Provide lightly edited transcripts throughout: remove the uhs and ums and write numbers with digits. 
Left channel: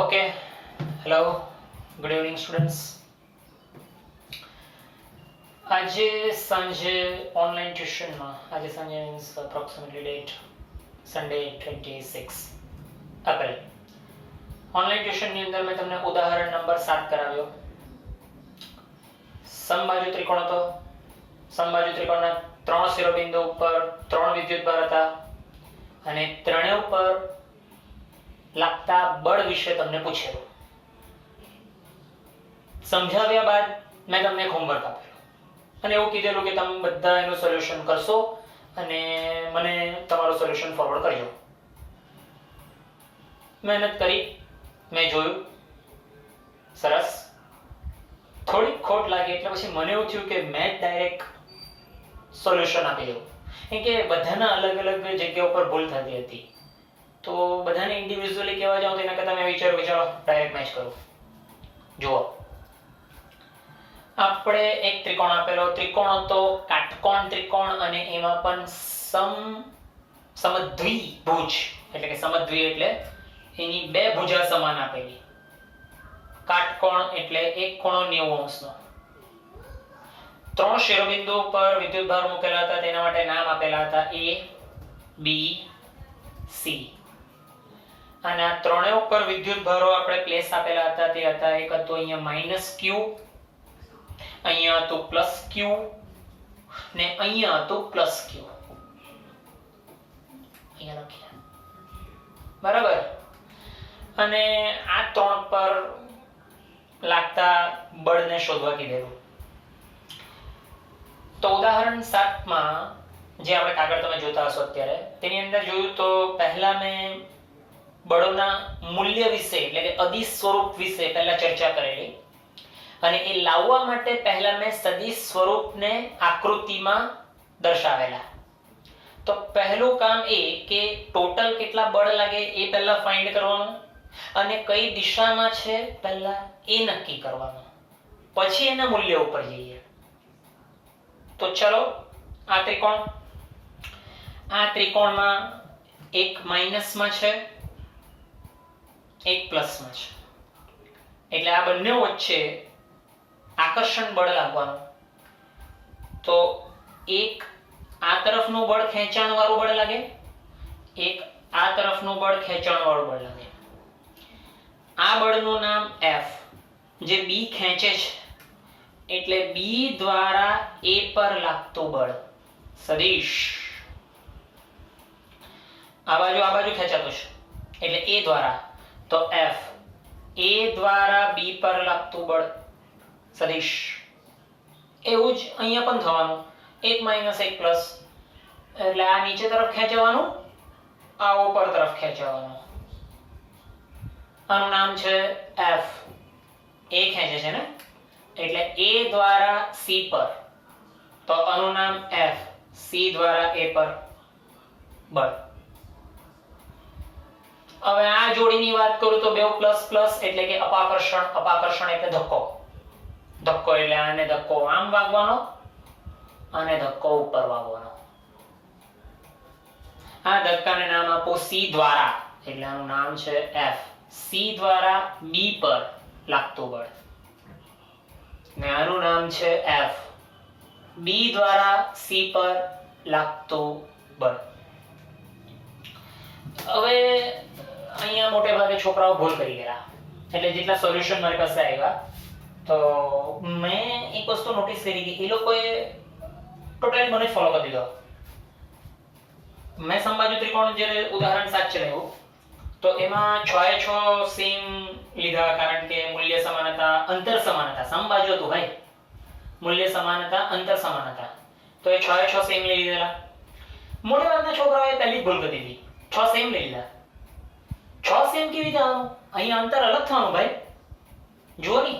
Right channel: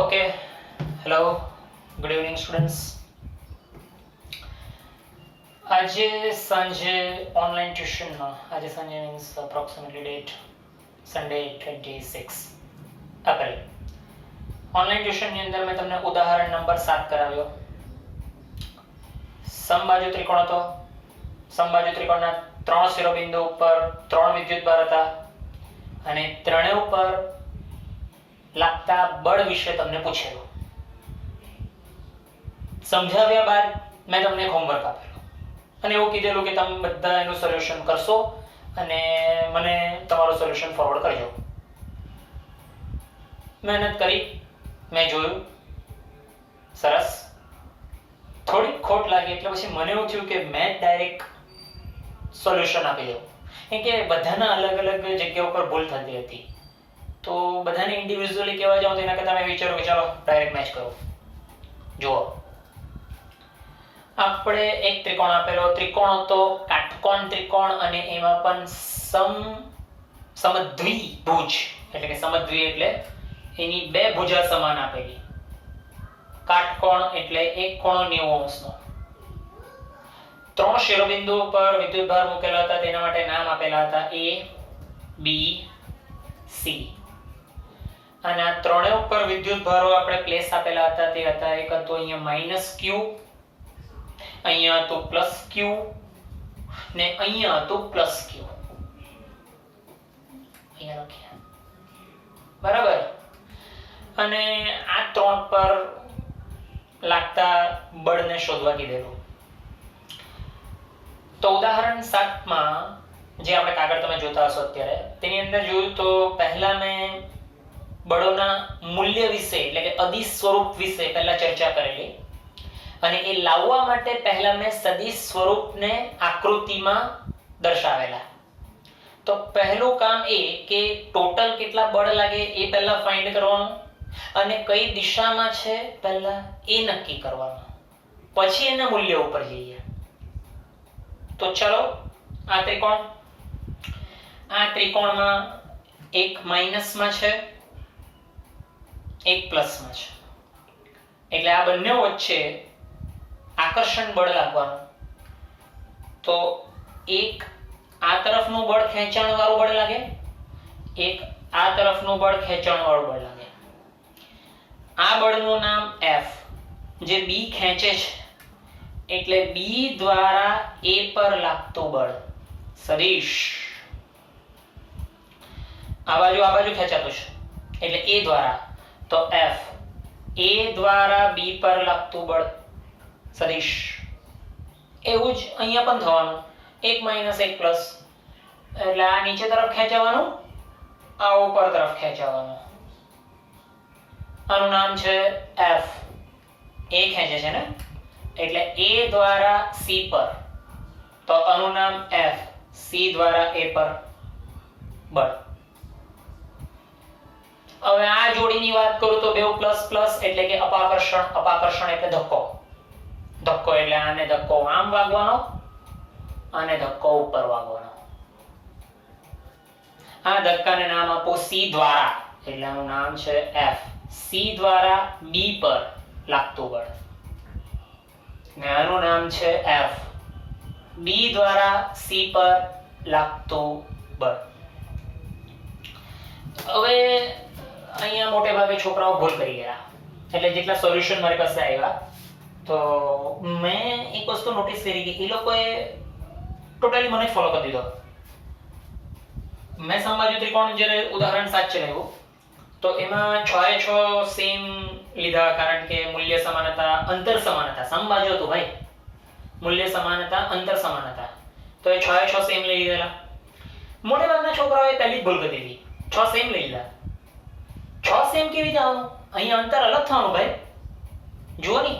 Okay, hello, good evening students. આજે સાંજે online ટ્યુશનમાં આજે સાંજે means approximately date Sunday 26 April online ટ્યુશનની અંદર મેં તમને ઉદાહરણ નંબર 7 કરાવ્યો. સમબાજુ ત્રિકોણ હતો. સમબાજુ ત્રિકોણના 3 શિરોબિંદુ ઉપર 3 વિદ્યુતભાર હતા અને ત્રણેય ઉપર લાગતા બળ વિશે તમને પૂછેલું. સમજાવ્યા બાદ મેં તમને હોમવર્ક આપેલું અને એવું કીધેલું કે તમે બધા એનું સોલ્યુશન કરશો અને મને તમારું સોલ્યુશન ફોરવર્ડ કરજો. મહેનત કરી, મેં જોયું, સરસ. થોડી ખોટ લાગી એટલે પછી મને એવું થયું કે મેં ડાયરેક્ટ સોલ્યુશન આપી દઉં, કેમ કે બધાના અલગ અલગ જગ્યા ઉપર ભૂલ થતી હતી. તો બધાને ઇન્ડિવિજ્યુઅલી કહેવા જાઉં તો એના કરતાં મેં વિચાર્યું કે ચાલો ડાયરેક્ટ મેચ કરો. જુઓ, આપણે એક ત્રિકોણ આપેલો. ત્રિકોણ હતો કાટકોણ ત્રિકોણ અને એમાં પણ સમદ્વિભુજ એટલે કે સમદ્વિ એટલે એની બે ભુજા સમાન આપેલી. કાટકોણ એટલે એક ખૂણો 90 અંશનો. 3 શિરોબિંદુ પર વિદ્યુતભાર મૂકેલા હતા, તેના માટે નામ આપેલા હતા A, B, C. અને આ ત્રણેય ઉપર વિદ્યુતભારો આપણે પ્લેસ આપેલા હતા. તે હતા, એક હતો અહીંયા -Q, અહીંયા હતું +Q ને અહીંયા હતું +Q. અહીંયા લખ્યા બરાબર. અને આ ત્રણ પર લાગતા બળને શોધવા કીધેલું. તો ઉદાહરણ 7 માં જે આપણે કાગળ તમે જોતા હશો અત્યારે, તેની અંદર જોયું તો પહેલા મેં બળોના મૂલ્ય વિશે એટલે કે અદિશ સ્વરૂપ વિશે પહેલા ચર્ચા કરેલી અને એ લાવવા માટે પહેલા મેં સદિશ સ્વરૂપને આકૃતિમાં દર્શાવેલા. તો પહેલું કામ એ કે ટોટલ કેટલા બળ લાગે એ પહેલા ફાઇન્ડ કરવાનું અને કઈ દિશામાં છે પહેલા એ નક્કી કરવાનું, પછી એના મૂલ્ય ઉપર જઈએ. તો ચલો, આ ત્રિકોણમાં એક માઇનસમાં છે, એક પ્લસમાં છે, એટલે આ બંને વચ્ચે આકર્ષણ બળ લાગવાનું. તો એક આ તરફનું બળ ખેંચાણ વાળું બળ લાગે, એક આ તરફનું બળ ખેંચાણ વાળું બળ લાગે. આ બળનું નામ F, જે B ખેંચે છે એટલે B દ્વારા A પર લાગતું બળ સદિશ. આ બાજુ ખેંચાતું છે એટલે A દ્વારા, તો F A દ્વારા B પર લાગતું બળ સદિશ. એવું જ અહીંયા પણ થવાનું, એક માઇનસ એક પ્લસ એટલે આ નીચે તરફ ખેંચવાનું, આ ઉપર તરફ ખેંચવાનું. આનું નામ છે F. A ખેંચે છે ને એટલે A દ્વારા C પર, તો આનું નામ F. C દ્વારા A પર બળ. હવે આ જોડીની વાત કરું તો બે પ્લસ પ્લસ એટલે કે અપાકર્ષણ. અપાકર્ષણ એટલે ધક્કો. ધક્કો એટલે આને ધક્કો આમ વાગવાનો અને ધક્કો ઉપર વાગવાનો. આ ધક્કાને નામ આપો C દ્વારા, એટલે આનું નામ છે F. C દ્વારા B પર લાગતું બળ ને આનું નામ છે F. B દ્વારા C પર લાગતું બળ. હવે અહીંયા મોટે ભાગે છોકરાઓ ભૂલ કરી ગયા, એટલે જેટલા સોલ્યુશન મારી પાસે આવ્યા તો મેં એક વસ્તુ નોટિસ કરી કે એ લોકોએ ટોટલી મને ફોલો કરી દીધો. મેં સમબાજુ ત્રિકોણ જે ઉદાહરણ 7 ચલાવ્યું તો એમાં 6 સેમ લીધા, કારણ કે મૂલ્ય સમાન હતા, અંતર સમાન હતા. સમબાજુ હતું ભાઈ, મૂલ્ય સમાન હતા, અંતર સમાન હતા, તો એ 6 સેમ લઈ લીધેલા. મોટે ભાગના છોકરાઓએ પહેલી જ ભૂલ કરી દીધી, 6 સેમ લઈ લીધા. 6 સેમ કેવી રીતે આવવાનું? અહીંયા અંતર અલગ થવાનું ભાઈ. જુઓ ની,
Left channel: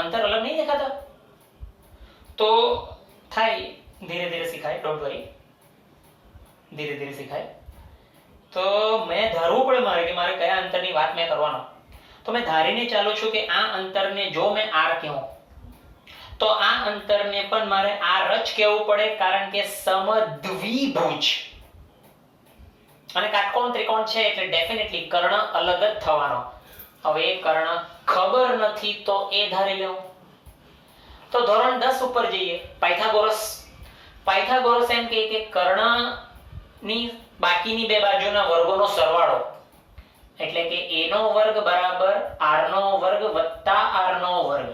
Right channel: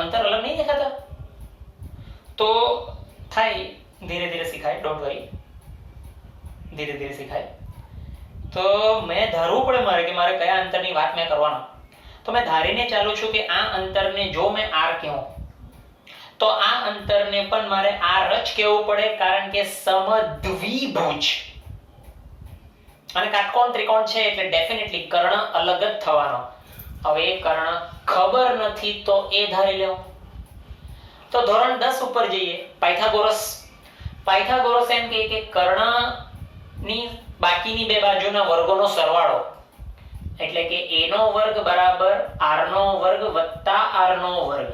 અંતર અલગ નહીં દેખાતા. તો થાય, ધીરે ધીરે શીખાય, ડોન્ટ વરી, ધીરે ધીરે શીખાય. તો મેં ધારવું પડે મારે કે મારે કયા અંતરની વાત મેં કરવાનો. તો મેં ધારીને ચાલુ છું કે આ અંતરને જો મેં R કહું તો આ અંતરને પણ મારે R જ કહેવું પડે, કારણ કે સમદ્વિભુજ અને કાટકોણ ત્રિકોણ છે એટલે ડેફિનેટલી કર્ણ અલગ જ થવાનો. હવે એ કર્ણ ખબર નથી તો એ ધારી લો. તો ધોરણ 10 ઉપર જઈએ. પાયથાગોરસ એમ કહે કે કર્ણની બાકીની બે બાજુના વર્ગોનો સરવાળો એટલે કે a નો વર્ગ બરાબર r નો વર્ગ વત્તા r નો વર્ગ.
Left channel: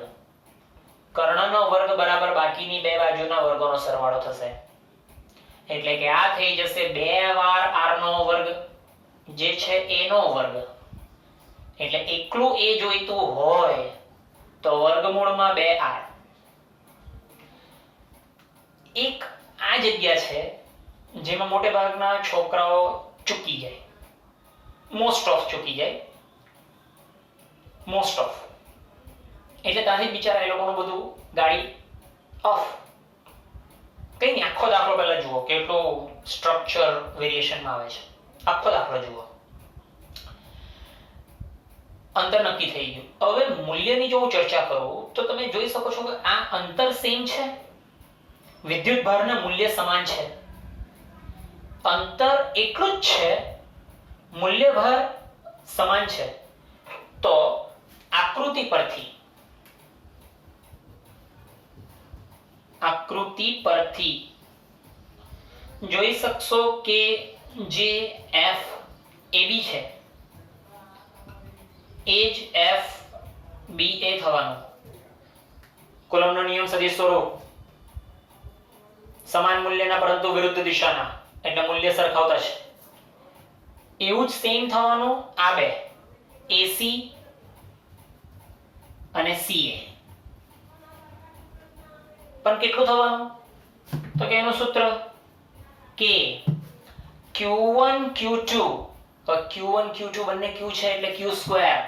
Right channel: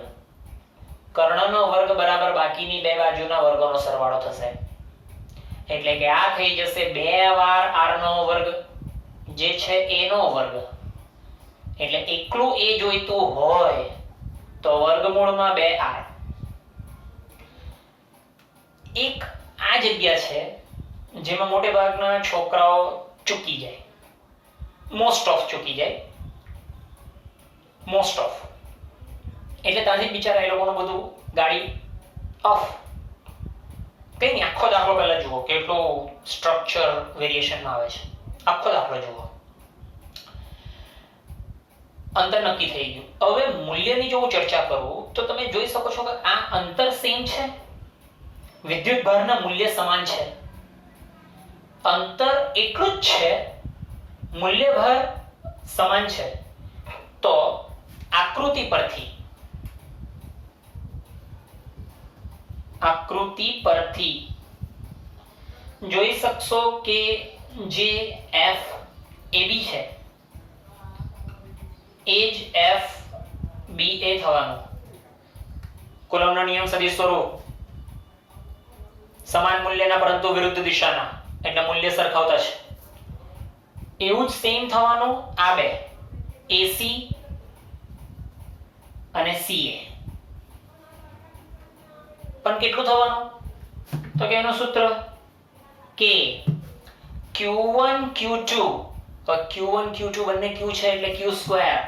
કર્ણનો વર્ગ બરાબર બાકીની બે બાજુના વર્ગોનો સરવાળો થશે. એટલે કે આ થઈ જશે 2 વાર r નો વર્ગ જે છે a નો વર્ગ. એટલે એકલું a જોઈતું હોય તો વર્ગમૂળમાં 2r. એક આ જગ્યા છે જેમાં મોટે ભાગના છોકરાઓ ચૂકી જાય, મોસ્ટ ઓફ ચૂકી જાય. મોસ્ટ ઓફ એટલે ત્યાંથી બિચારા એ લોકોનું બધું ગાડી ઓફ. કઈ નહીં, આખો દાખલો પહેલા જુઓ કેટલું સ્ટ્રક્ચર વેરિએશનમાં આવે છે. આખો દાખલો જુઓ. અંતર નક્કી થઈ ગયું. હવે મૂલ્યની જો હું ચર્ચા કરું તો તમે જોઈ શકો છો કે આ અંતર સેમ છે, વિદ્યુત ભારના મૂલ્ય સમાન છે, અંતર એટલું જ છે, મૂલ્ય ભાર સમાન છે. તો આકૃતિ પરથી જોઈ શકશો કે જે FAB છે એ જ FBA થવાનું. કુલમ્બનો નિયમ સદિશ સ્વરૂપ સમાન મૂલ્યના પરંતુ વિરુદ્ધ દિશાના એટલે મૂલ્ય સરખાવતા છે. એવું જ સેમ થવાનું આ બે AC અને CA. પણ કેટલું થવાનું તો કે એનું સૂત્ર કે Q1 Q2 તો Q1 Q2 બંને Q છે એટલે Q સ્ક્વેર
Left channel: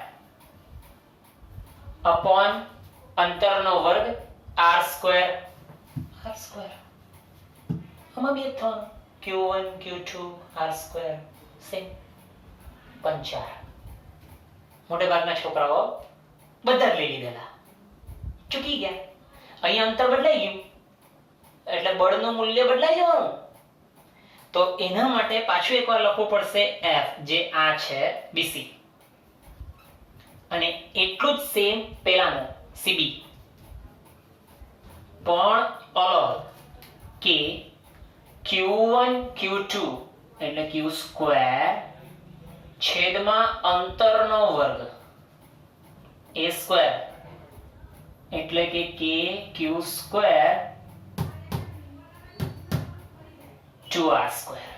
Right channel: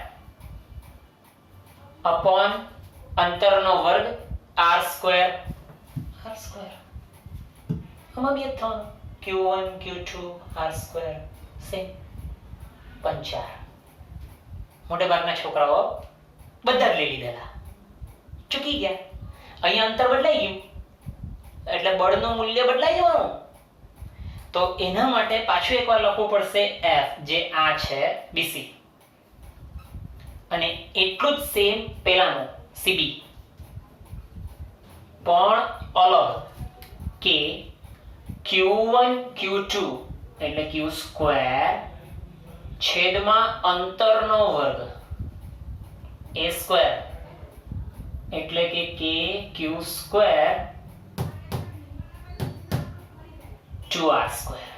અપોન અંતરનો વર્ગ R સ્ક્વેર. આમાં બે થવાનું Q1 Q2 R square same 5. મોટે ભાગના છોકરાઓ બધા જ લઈ લીધેલા, ચૂકી ગયા. અહીંયા અંતર બદલાઈ ગયું એટલે બળનું મૂલ્ય બદલાઈ જવાનું. તો એના માટે પાછું એકવાર લખવું પડશે F જે આ છે BC અને એટલું જ સેમ પેલાનું CB પણ અલગ કે Q1 Q2 એટલે Q સ્ક્વેર છેદમાં અંતરનો વર્ગ A સ્ક્વેર એટલે કે Q સ્ક્વેર 2R સ્ક્વેર.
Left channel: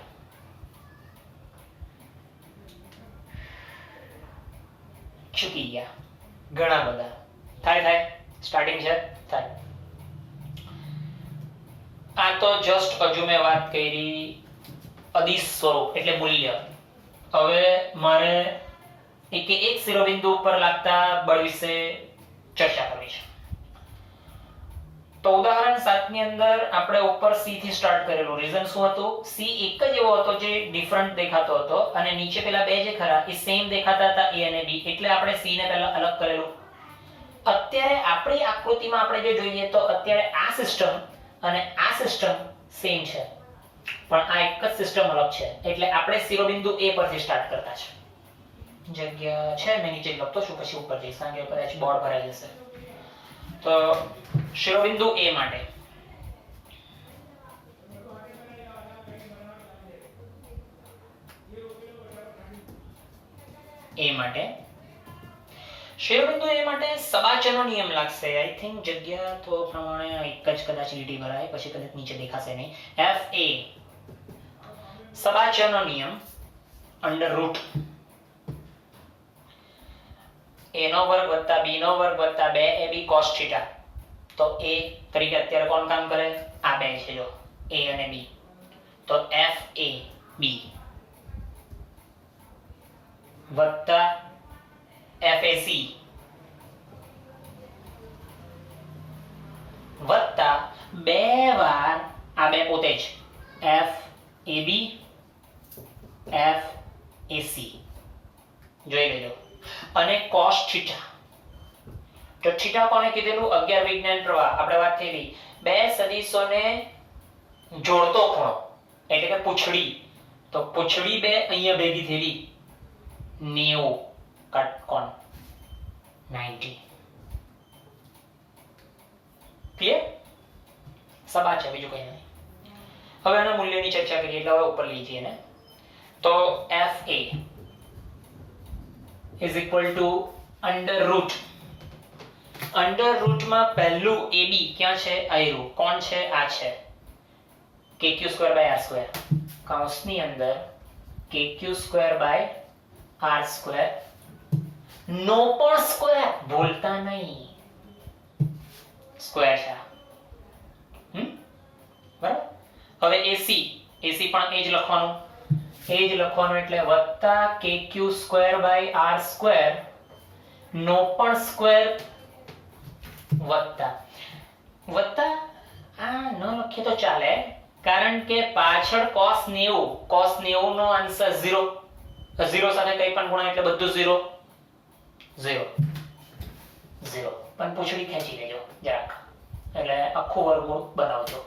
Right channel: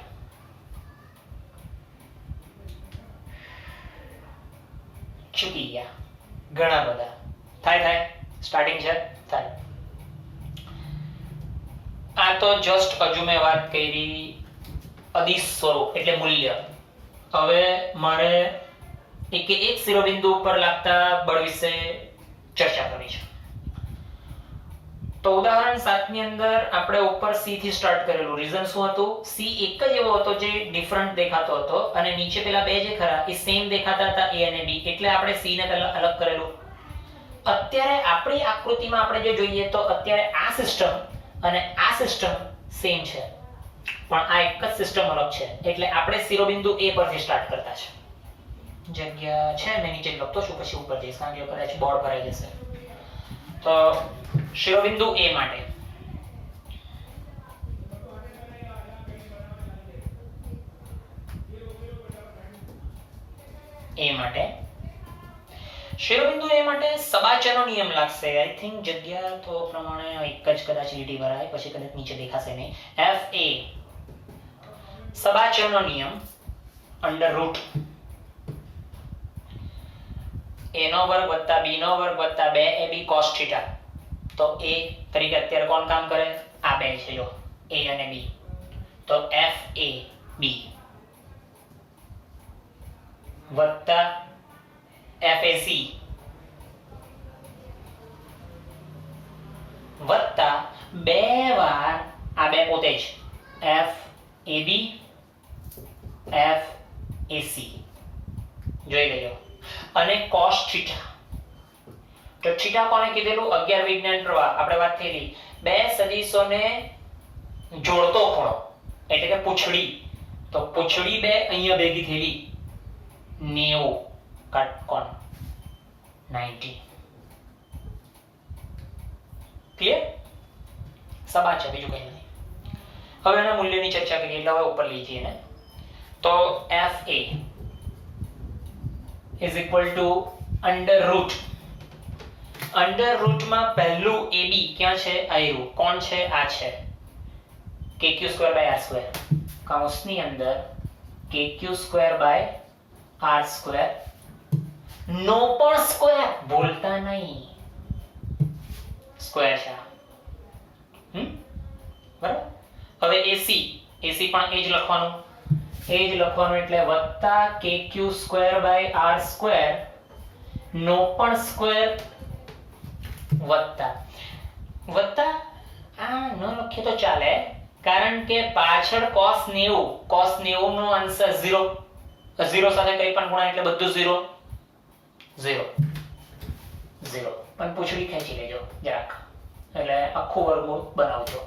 ચૂકી ગયા ઘણા બધા. થાય સ્ટાર્ટિંગ છે થાય. આ તો જસ્ટ હજુ મેં વાત કરી અદિશ સ્વરૂપ એટલે મૂલ્ય. હવે મારે એક શિરોબિંદુ ઉપર લાગતા બળ વિશે ચર્ચા કરવી છે. તો ઉદાહરણ 7 ની અંદર આપણે ઉપર C થી સ્ટાર્ટ કરેલું. રીઝન શું હતું? C એક જ એવો હતો જે ડિફરન્ટ દેખાતો હતો અને નીચે પેલા બે જે ખરા એ સેમ દેખાતા હતા A અને B, એટલે આપણે C ને પહેલા અલગ કરેલું. અત્યારે આપણી આકૃતિમાં આપણે જો જોઈએ તો અત્યારે આ સિસ્ટમ અને આ સિસ્ટમ સેમ છે પણ આ એક જ સિસ્ટમ અલગ છે. એટલે આપણે શિરોબિંદુ A પરથી સ્ટાર્ટ કરતા છે. જગ્યા છે મેં નીચે લખતો છું પછી ઉપર જઈશ કારણ કે કદાચ બોર્ડ ભરાઈ જશે. તો શિરોબિંદુ A માટે શિરોબિંદુ A માટે સબાચનો નિયમ લાગશે. આઈ થિંક જગ્યા તો પ્રમાણે એક જ કદાચ લીટી ભરાય પછી કદાચ નીચે દેખાશે નહીં. FA સબાચનો નિયમ અંડર રૂટ A નો વર્ગ વત્તા B નો વર્ગ વત્તા 2AB cos θ. તો A તરીકે અત્યારે કોણ કામ કરે? આ બે છે જો A અને B. તો FAB વત્તા FAC વત્તા બે વાર આ બે પોતે જ FAB FAC જોઈ લેજો. અને cos θ તો થીટા કોને કીધેલું? 11 વિજ્ઞાન પ્રવાહ આપણે વાત થઈ રહી. બે સદિશોને જોડતો ખૂણો એટલે કે પૂંછડી. તો પૂંછડી બે અહીંયા ભેગી થયેલી 90 કાટકોણ 90. ક્લિયર? સબા છે, બીજું કંઈ નહીં. હવે આના મૂલ્યની ચર્ચા કરીએ એટલે હવે ઉપર લઈ જઈએ ને. તો FA is equal to under root. Under રૂટમાં પહેલું AB ક્યાં છે? આવ્યું. કોણ છે? આ છે kq² r². કૌંસની અંદર kq² r² નો પણ સ્ક્વેર, ભૂલતા નહીં, સ્ક્વેર છે. બરાબર. હવે AC પણ એ જ લખવાનું, એટલે વત્તા kq² r² નો પણ સ્ક્વેર વત્તા આ ન લખીએ તો ચાલે, કારણ કે પાછળ cos 90 નો આન્સર 0 સાથે કંઈ પણ ગુણાય એટલે બધું 0 પણ પૂછડી ખેંચી લેજો જરાક, એટલે આખું વર્ગમૂળ બનાવજો.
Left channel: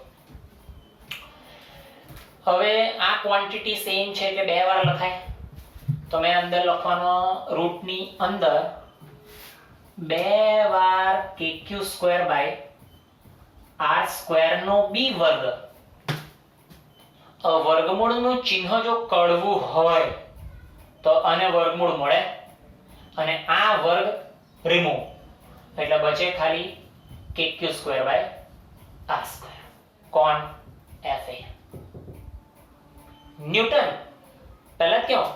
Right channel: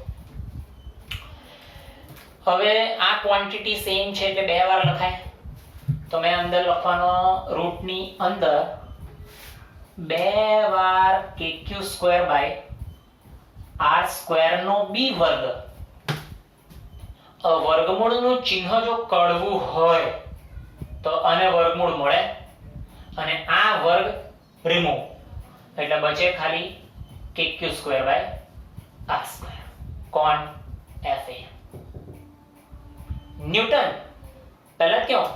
હવે આ ક્વોન્ટિટી સેમ છે એટલે બે વાર લખાય, તો મેં અંદર લખવાનો રૂટની અંદર બે વાર kq² r² નો b વર્ગ. વર્ગમૂળનું ચિહ્ન જો કડવું હોય તો આને વર્ગમૂળ મળે અને આ વર્ગ રિમૂવ, એટલે બચે ખાલી kq² r². કોણ? FA. ન્યૂટન. પહેલા ક્યો,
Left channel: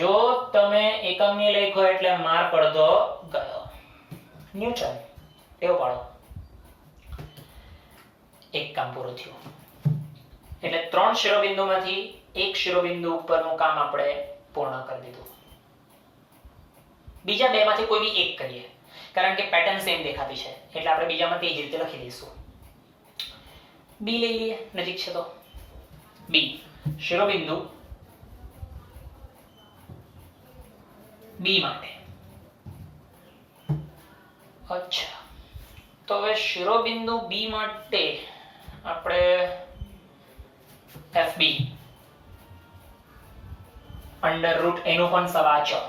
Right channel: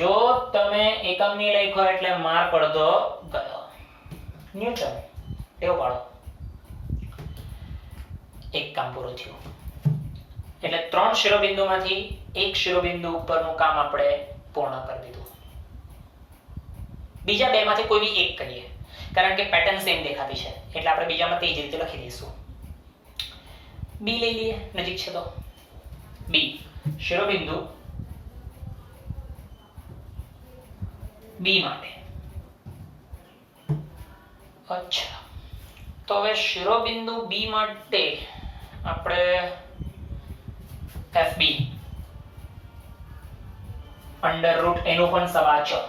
જો તમે એકમની લખ્યો એટલે માર પડતો ગયો. ન્યૂટન એવો પાડો. એક કામ પૂરું થયું. એટલે 3 શિરોબિંદુમાંથી એક શિરોબિંદુ ઉપરનું કામ આપણે પૂર્ણ કરી દીધું. બીજા બે માંથી કોઈ બી એક કરીએ, કારણ કે પેટર્ન સેમ દેખાતી છે એટલે આપણે બીજામાં તે જ રીતે લખી દઈશું. બી લઈ લઈએ, નજીક છે તો. બી શિરોબિંદુ બી માટે. અચ્છા, તો હવે શિરોબિંદુ બી માટે આપણે FB અંડર રૂટ એનું પણ સબાચો,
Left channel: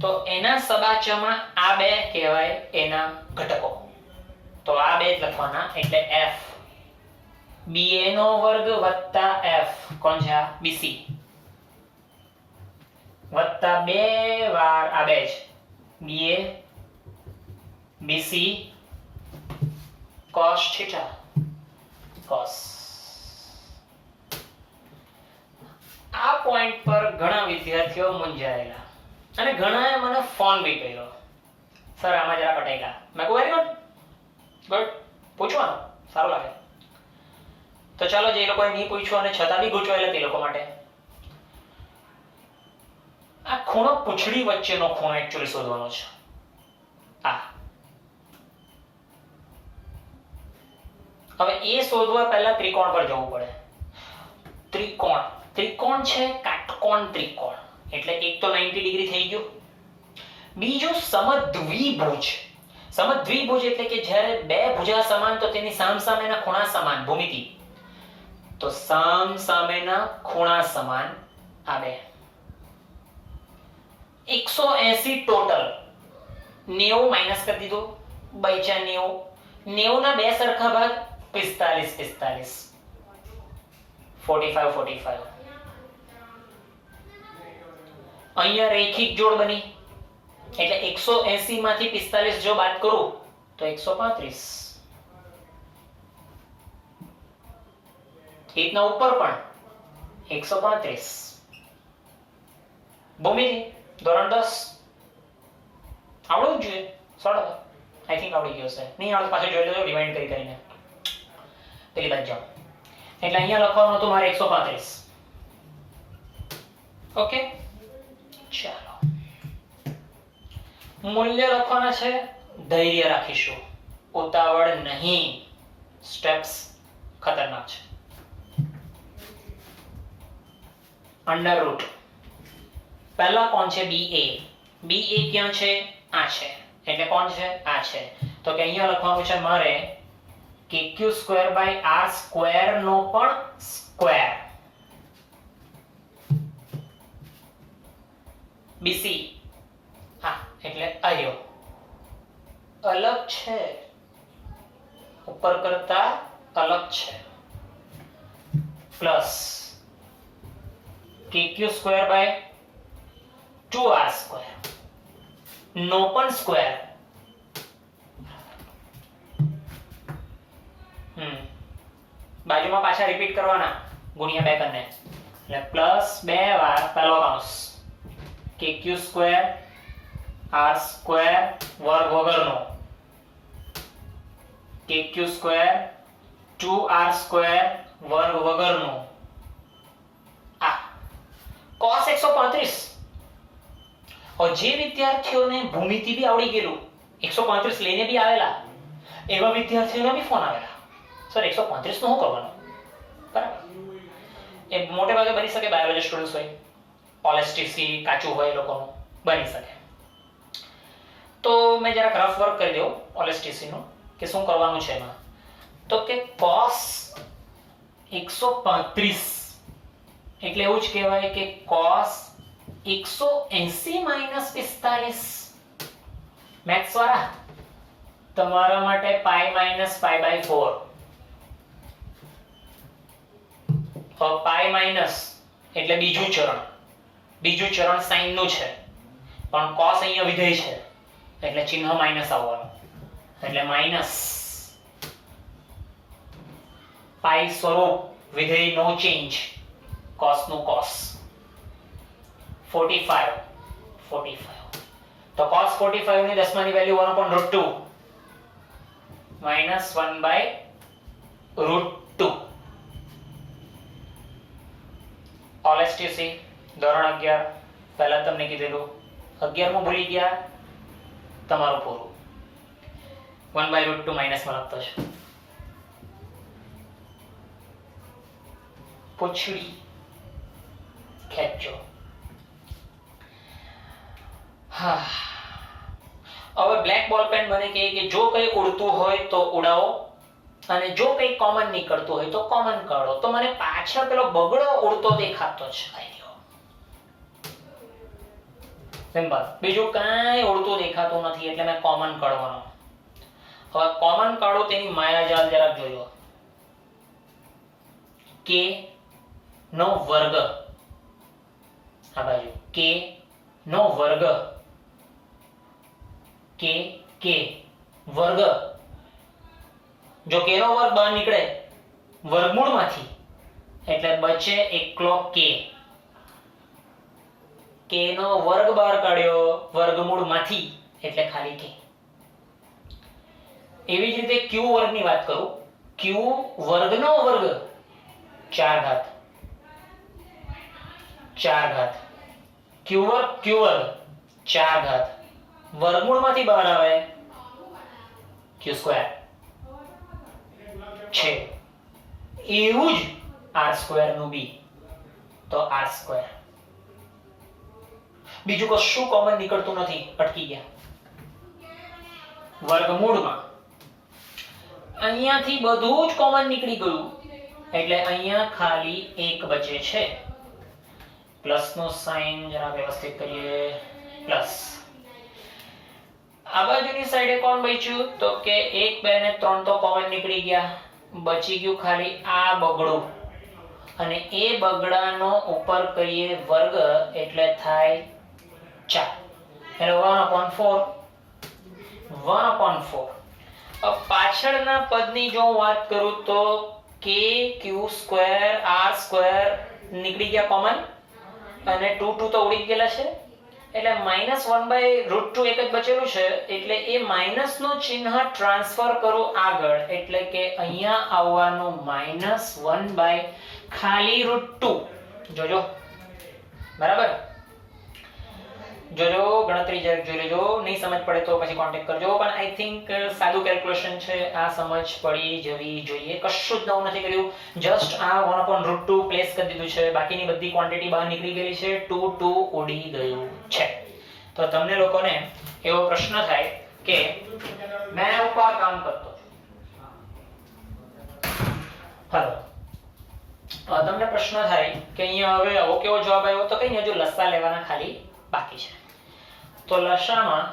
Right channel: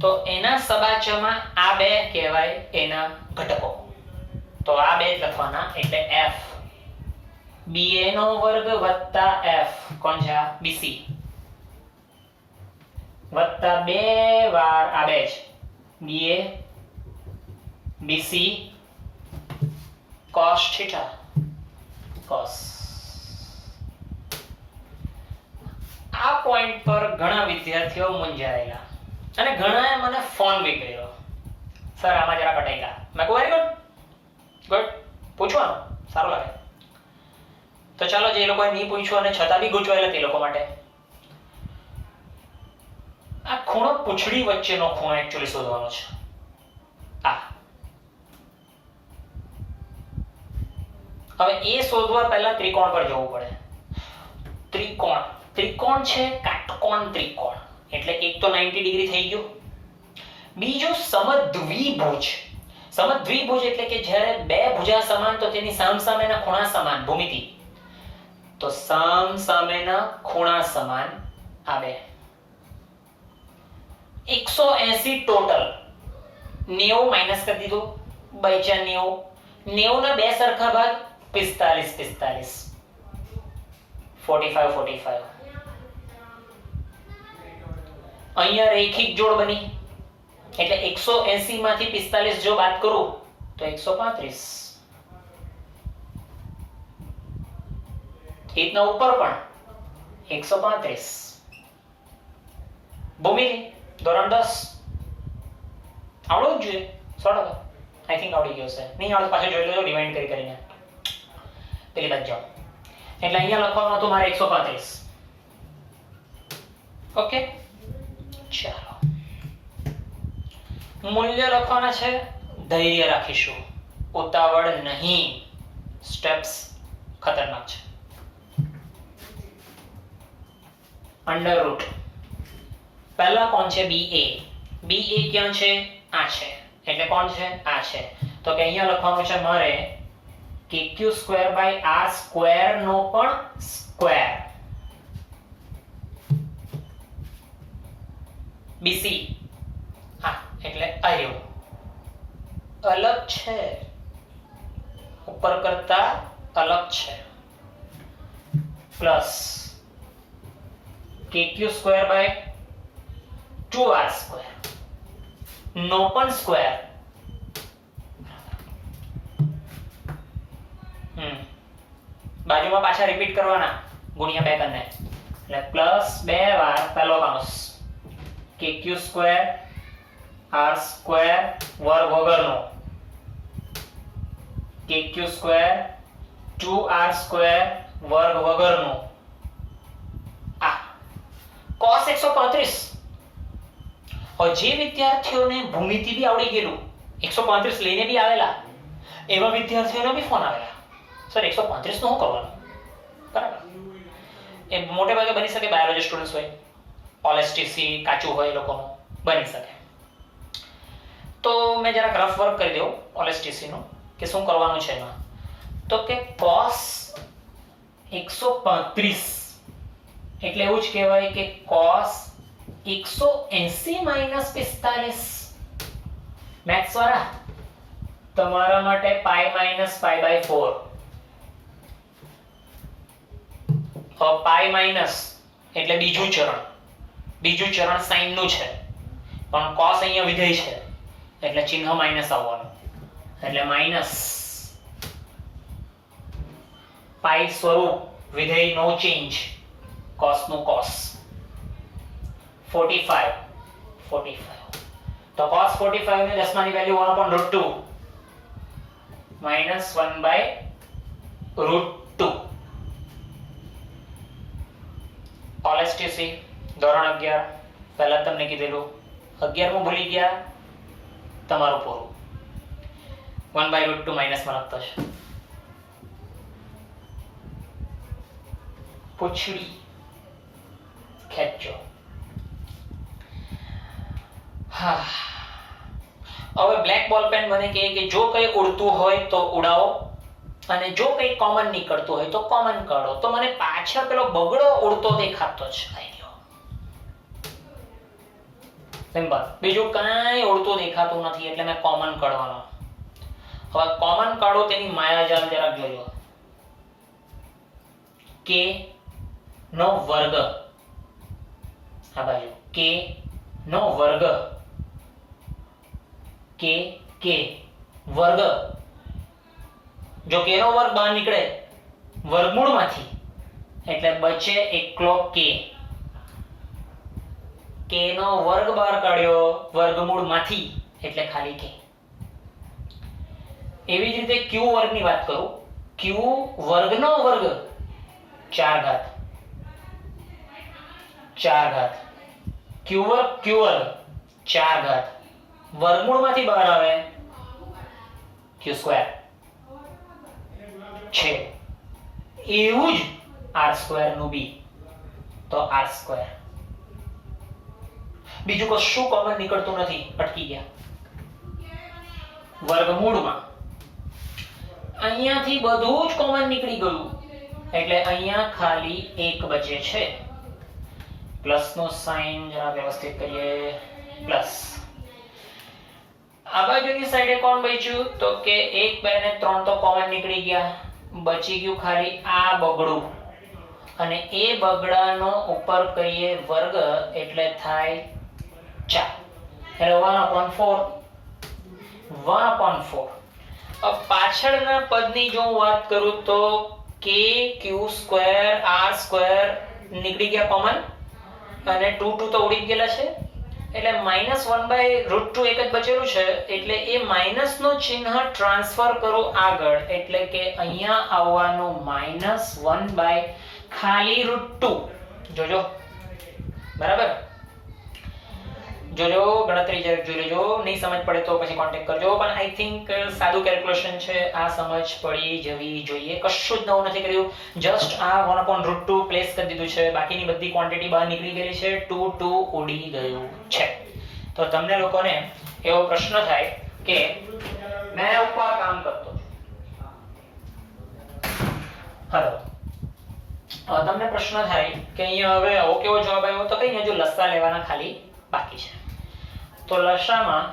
તો એના સબાચામાં આ બે કહેવાય એના ઘટકો, તો આ બે જ લખવાના, એટલે F BA નો વર્ગ વત્તા F કોણ છે? BC વત્તા બે વાર આ બે જ BA BC cos θ cos. આ પોઈન્ટ પર ઘણા વિદ્યાર્થીઓ મૂંઝાયેલા અને ઘણાએ મને ફોન બી કર્યો, સર આમાં જરા કટાઈલા. મેં કહું વેરી ગુડ, પૂછવાનું સારું લાગે. તો ચાલો, જે લોકોએ નહીં પૂછ્યું અને છતાં બી ગૂંચવાયેલા તે લોકો માટે આ ખૂણો પૂંછડી વચ્ચેનો ખૂણો એકચ્યુઅલી શોધવાનો છે. હવે એ શોધવા પહેલા ત્રિકોણ પર જવું પડે. ત્રિકોણ છે કાટકોણ ત્રિકોણ, એટલે એક તો 90 ડિગ્રી થઈ ગયું. બીજું સમદ્વિભુજ. સમદ્વિભુજ એટલે કે જ્યારે બે ભુજા સમાન તો તેની સામસામેના ખૂણા સમાન, ભૂમિતિ. તો સામસામેના ખૂણા સમાન આ બે. 180 ટોટલ. 90 માઈનસ કરી દીધું, બચ્યા 90. 90 ના બે સરખા ભાગ 45 45. અહીંયા રેખિક જોડ બની, એટલે 180 માંથી 45 જો બાદ કરું તો 135. ઇતના ઉપર પણ 135. ભૂમિતિ ધોરણ 10 આવડવું જ જોઈએ 100%. આઈ થિંક આવડી ગયો છે. નહીં આવડે પાછું જોઈ લેજો ડિવાઇડ કરીને પેલી બાજુ જાઓ. એટલે અહીંયા લખવાનું હતું મારે 135. ઓકે, ચાલો મૂલ્ય લખવાના છે. ધૈર્ય રાખીશું, ઉતાવળ નહીં. સ્ટેપ્સ ખતરનાક છે. અંડર રૂટ પહેલા કોણ છે? BA. BA ક્યાં છે? આ છે, એટલે કોણ છે? આ છે. તો કે અહીંયા લખવાનું છે મારે kq² r² નો પણ સ્ક્વેર. BC એટલે આયો અલગ છે, ઉપર કરતા અલગ છે, plus kq square by 2r square નો પણ સ્ક્વેર બાજુમાં પાછા રિપીટ કરવાના ગુણ્યા 2 કરને એટલે પ્લસ 2 વાર પહેલો કૌંસ kq સ્ક્વેર r સ્ક્વેર વર્ગ વગરનો kq સ્ક્વેર 2r સ્ક્વેર વર્ગ વગરનો આ cos 135. જે વિદ્યાર્થીઓને ભૂમિતિ બી આવડી ગયેલું 135 લઈને બી આવેલા એવા વિદ્યાર્થીઓનો બી ફોન આવેલા, સર 135 નું શું કરવાનું? બરાબર, એ મોટે ભાગે બની શકે બાયોલોજી સ્ટુડન્ટ્સ હોય, ઓલેસ્ટીસી કાચું હોય લોકોનું બની શકે. તો મેં જરાક રફ વર્ક કરી દઉં ઓલેસ્ટીસી નું કે શું કરવાનું છે એમાં. તો કે cos 135 એટલે એવું જ કહેવાય કે cos 180 - 45. મેથ્સ વાળા તમારા માટે pi minus pi by 4. Pi minus એટલે બીજું ચરણ સાઇન નું છે, પણ cos અહીંયા વિધેય છે એટલે ચિહ્ન માઈનસ આવવાનું, એટલે માઈનસ પાઈ સ્વરૂપ વિધેય નો ચેન્જ, cos નું cos 45. તો cos 45 ની દસમાની વેલ્યુ 1/√2 minus 1/√2. ઓલેસ્ટીસી ધોરણ 11 પહેલા તમને કીધેલું 11મું ભૂલી ગયા તમારું પૂરું. 1/√2 માઈનસ માં લખતો છે. પૂછડી ખેંચો. હા, હવે બ્લેક બોલ પેન મને કહે કે જો કંઈ ઉડતું હોય તો ઉડાવો અને જો કંઈ કોમન નીકળતું હોય તો કોમન કાઢો. તો મને પાછળ પેલો બગડો ઉડતો દેખાતો છે, સિમ્પલ, બીજું કાંઈ ઉડતું દેખાતું નથી એટલે મેં કોમન કાઢવાનો. હવે કોમન કાઢો તેની માયાજાલ જરાક જોજો. k નો વર્ગ આ બાજુ k નો વર્ગ k વર્ગ, જો k નો વર્ગ બહાર નીકળે વર્ગમૂળમાંથી એટલે બચે એકલો k. k નો વર્ગ બહાર કાઢ્યો વર્ગમૂળમાંથી એટલે ખાલી k. એવી જ રીતે q વર્ગની વાત કરું, q વર્ગનો વર્ગ 4 ઘાત q વર્ગ 4 ઘાત વર્ગમૂળમાંથી બહાર આવે q સ્ક્વેર છે. એવું જ r સ્ક્વેર નું બી, તો r સ્ક્વેર. બીજું કશું કોમન નીકળતું નથી, અટકી ગયા વર્ગમૂળમાં. અહીંયાથી બધું જ કોમન નીકળી ગયું એટલે અહીંયા ખાલી 1 બચે છે. પ્લસ નો સાઇન જરા વ્યવસ્થિત કરીએ, પ્લસ. આ બાજુની સાઈડે કોણ બચ્યું? તો કે 1 2 ને 3 તો કોમન નીકળી ગયા, બચી ગયું ખાલી આ બગડું, અને એ બગડાનો ઉપર કરીએ વર્ગ એટલે થાય 4, એટલે 1/4. अब પાછળના પદની જો વાત કરું તો k q square r square નીકળી ગયા કોમન, અને 2 તો ઉડી ગયેલા છે એટલે -1/√2 એક જ બચેલું છે એટલે એ માઈનસ નો ચિહ્ન ટ્રાન્સફર કરું આગળ એટલે કે અહીંયા આવવાનું -1/ ખાલી √2. જોજો બરાબર, જોજો ગણતરી જોઈ લેજો. નહીં સમજ પડે તો પછી કોન્ટેક્ટ કરજો, પણ આઈ થિંક સાદું કેલ્ક્યુલેશન છે, આ સમજ પડી જવી જોઈએ. કશું જ નવું નથી કર્યું, જસ્ટ આ 1/√2 પ્લેસ કરી દીધું છે, બાકીની બધી ક્વોન્ટિટી બહાર નીકળી ગયેલી છે, 2 ઉડી ગયું છે. તો તમને લોકોને એવો પ્રશ્ન થાય કે મેં ઉપર કામ કરતો, હાલો તમને પ્રશ્ન થાય કે અહીંયા હવે આવો કેવો જવાબ આવ્યો, તો કઈ હજુ લસા લેવાના ખાલી બાકી છે. તો લસામાં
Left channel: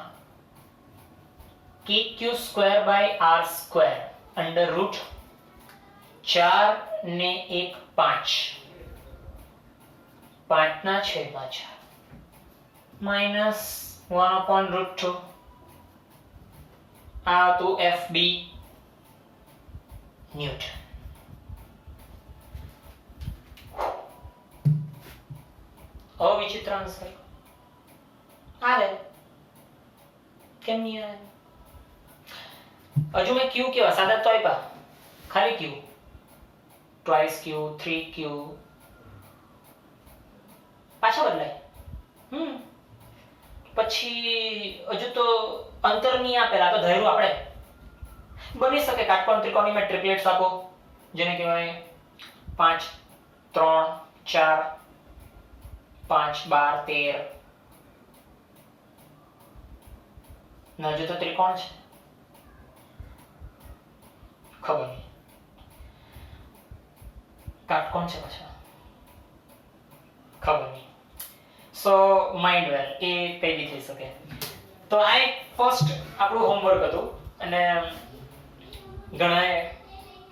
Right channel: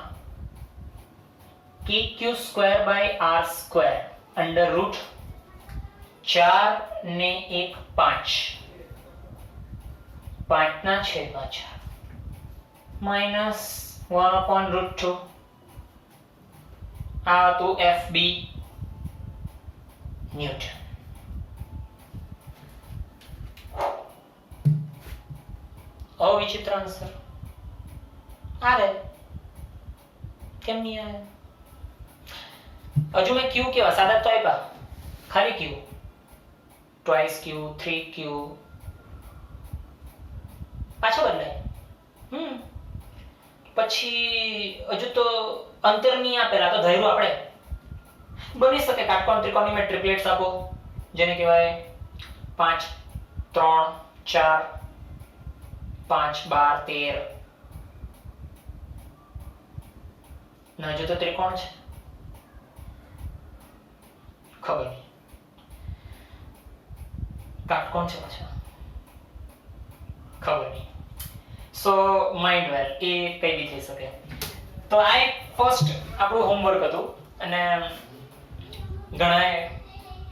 KQ square by R square under root 4 ને 1 5 5 ના છેદમાં 4 માઇનસ 1 upon રૂટ 2 આ હતું FB ન્યૂટન. અવિચિત્ર આન્સર આવે કેમ નહીં આવે? હજુ મેં ક્યુ કેવા સાદા તો આપ્યા, ખાલી ક્યુ, ટ્વાઇસ ક્યુ, 3 ક્યુ પાછા બદલાય. પછી હજુ તો અંતર નહીં આપેલા, તો ધૈર્ય આપણે બની શકે કાટકોણ ત્રિકોણની મેં ટ્રિપલેટ્સ આપો, જેને કહેવાય 5 3 4 5 12 13 ના, હજુ તો ત્રિકોણ છે, ખબર નહીં કાટકોણ છે પાછા, ખબર નહીં. સો માઇન્ડ વેલ, એ કઈ બી થઈ શકે. તો આ એક ફર્સ્ટ આપણું હોમવર્ક હતું અને ઘણાએ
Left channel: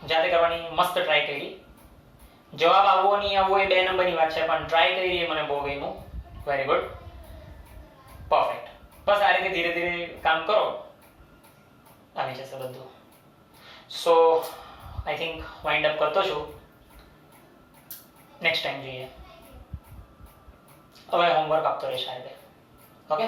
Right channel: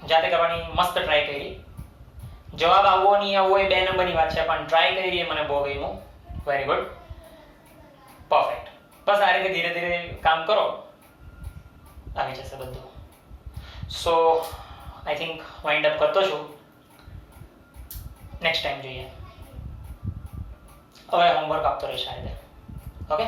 જાતે કરવાની મસ્ત ટ્રાય કરી. જવાબ આવવો નહીં આવવો એ 2 નંબરની વાત છે, પણ ટ્રાય કરી એ મને બહુ ગમ્યું. Very good, perfect. બસ આ રીતે ધીરે ધીરે કામ કરો, આવી જશે બધું. સો આઈ થિંક વાઇન્ડ અપ કરતો છું. નેક્સ્ટ ટાઈમ જોઈએ. હવે હોમવર્ક આપતો રહીશ આ રીતે. ઓકે.